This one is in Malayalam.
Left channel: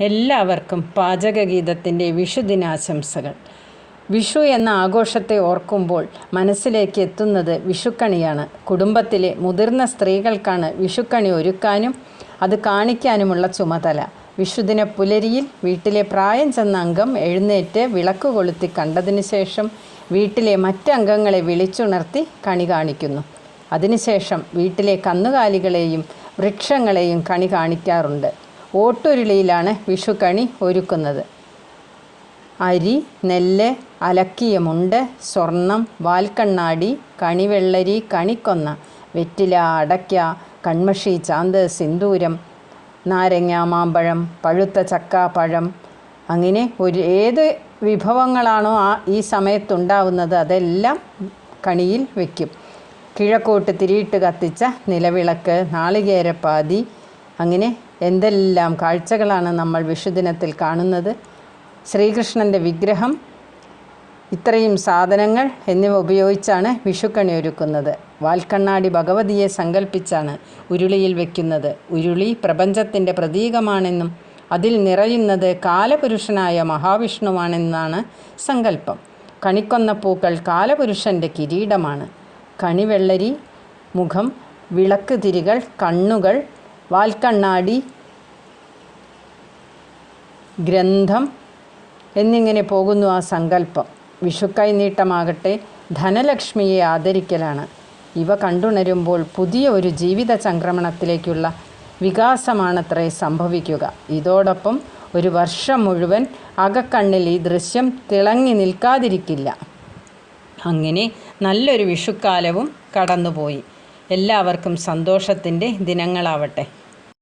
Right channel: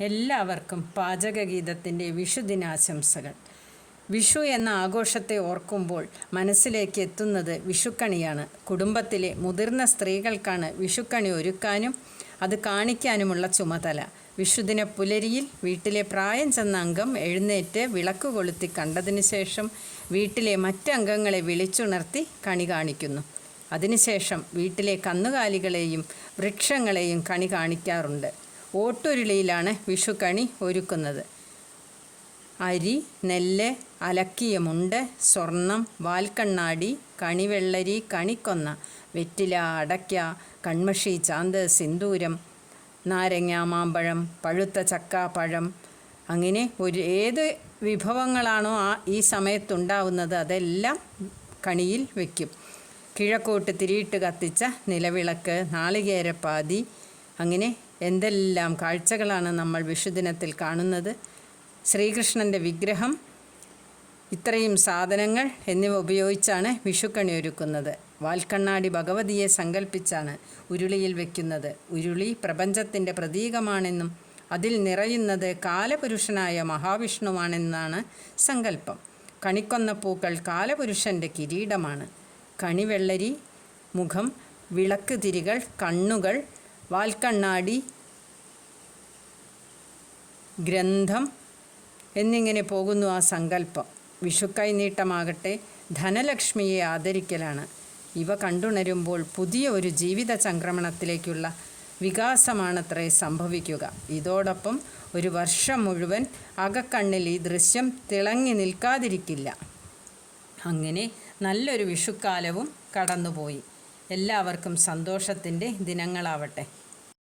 എല്ലാവർക്കും പാചകഗീതത്തിന്റെ വിഷുദിനാശംസകൾ. വിഷു എന്ന ആഘോഷത്തെ ഓർക്കുമ്പോൾ മനസ്സിലേക്ക് എത്തുന്നത് വിഷുക്കണിയാണ്. കുടുംബത്തിലെ മുതിർന്ന സ്ത്രീകൾക്കാണ് വിഷുക്കണി ഒരുക്കാനും അത് കാണിക്കാനുമുള്ള ചുമതല. വിഷുദിന പുലരിയിൽ വീട്ടിലെ പ്രായം ചെന്ന അംഗം എഴുന്നേറ്റ് വിളക്ക് കൊളുത്തി കണ്ടതിന് ശേഷം വീട്ടിലെ മറ്റംഗങ്ങളെ വിളിച്ചുണർത്തി കണി കാണിക്കുന്നു. അതിനുശേഷം വീട്ടിലെ കന്നുകാലികളെയും വൃക്ഷങ്ങളെയും കണി കാണിക്കാറുണ്ട്. ഓട്ടുരുളിയിലാണ് വിഷുക്കണി ഒരുക്കുന്നത്. അരി നെല്ല് അലക്കിയ മുണ്ട് സ്വർണം വാൽക്കണ്ണാടി കണിവെള്ളരി കണിക്കൊന്ന വെറ്റില അടയ്ക്ക കൺമഷി ചാന്ത് സിന്ദൂരം നാരങ്ങ മാമ്പഴം പഴുത്ത ചക്ക പഴം. അങ്ങനെ ഒരു ഏത് വിഭവങ്ങളാണോ ആ ഈ സമയത്തുണ്ടാവുന്നത് അതെല്ലാം കണിയിൽ വയ്ക്കും കിഴക്കോട്ട് തിരിയിട്ട് കത്തിച്ച നിലവിളക്ക് നാളികേരപ്പാതി അങ്ങനെ എന്തെല്ലാം കാഴ്ചകളാണ് നമ്മൾ വിഷുദിനത്തിൽ കാണുന്നത്? ശ്രീകൃഷ്ണന്റെ വിഗ്രഹം ഇത്രയും സാധനങ്ങൾ എന്നിവ ഉപയോഗിച്ചാണ് വിഷുക്കണി ഒരുക്കുന്നത്. വാൽക്കണ്ണാടി ഭഗവതിയെ സങ്കല്പിച്ചാണ് ഉരുളിയിൽ വെക്കുന്നത്. ഉരുളി പ്രപഞ്ചത്തിന്റെ പ്രതീകമാണെന്നും അതിൽ നിറയുന്നത് കാലപുരുഷനായ മഹാവിഷ്ണുവാണെന്നാണ് സങ്കല്പം. കണിക്കൊന്ന പൂക്കൾ കാലപുരുഷന്റെ കിരീടമാണ്. കണിവെള്ളരി മുഖം വിളക്ക് തിരികൾ കണ്ണുകൾ വാൽക്കണ്ണാടി ഗ്രന്ഥം എന്നിങ്ങനെ പോകുന്നു ആ സങ്കല്പം. വിഷുക്കൈ നീട്ടമാകട്ടെ ധനലക്ഷ്മിയെ ആദരിക്കലാണ്. ഇവ കണ്ടുണരുമ്പോൾ പുതിയ ഒരു ജീവിത സംക്രമണത്തിലേക്കുള്ള വികാസമാണത്രേ സംഭവിക്കുക. ഇതോടൊപ്പം ഒരു വർഷം മുഴുവൻ അകക്കണ്ണിൽ ഈ ദൃശ്യം തിളങ്ങി നിൽക്കാതിരിക്കില്ല. അങ്ങനെ നല്ലൊരു വിഷുക്കാലവും കടന്നുപോയി. എല്ലാവർക്കും സന്തോഷത്തിന്റെ ദിനങ്ങളാവട്ടെ.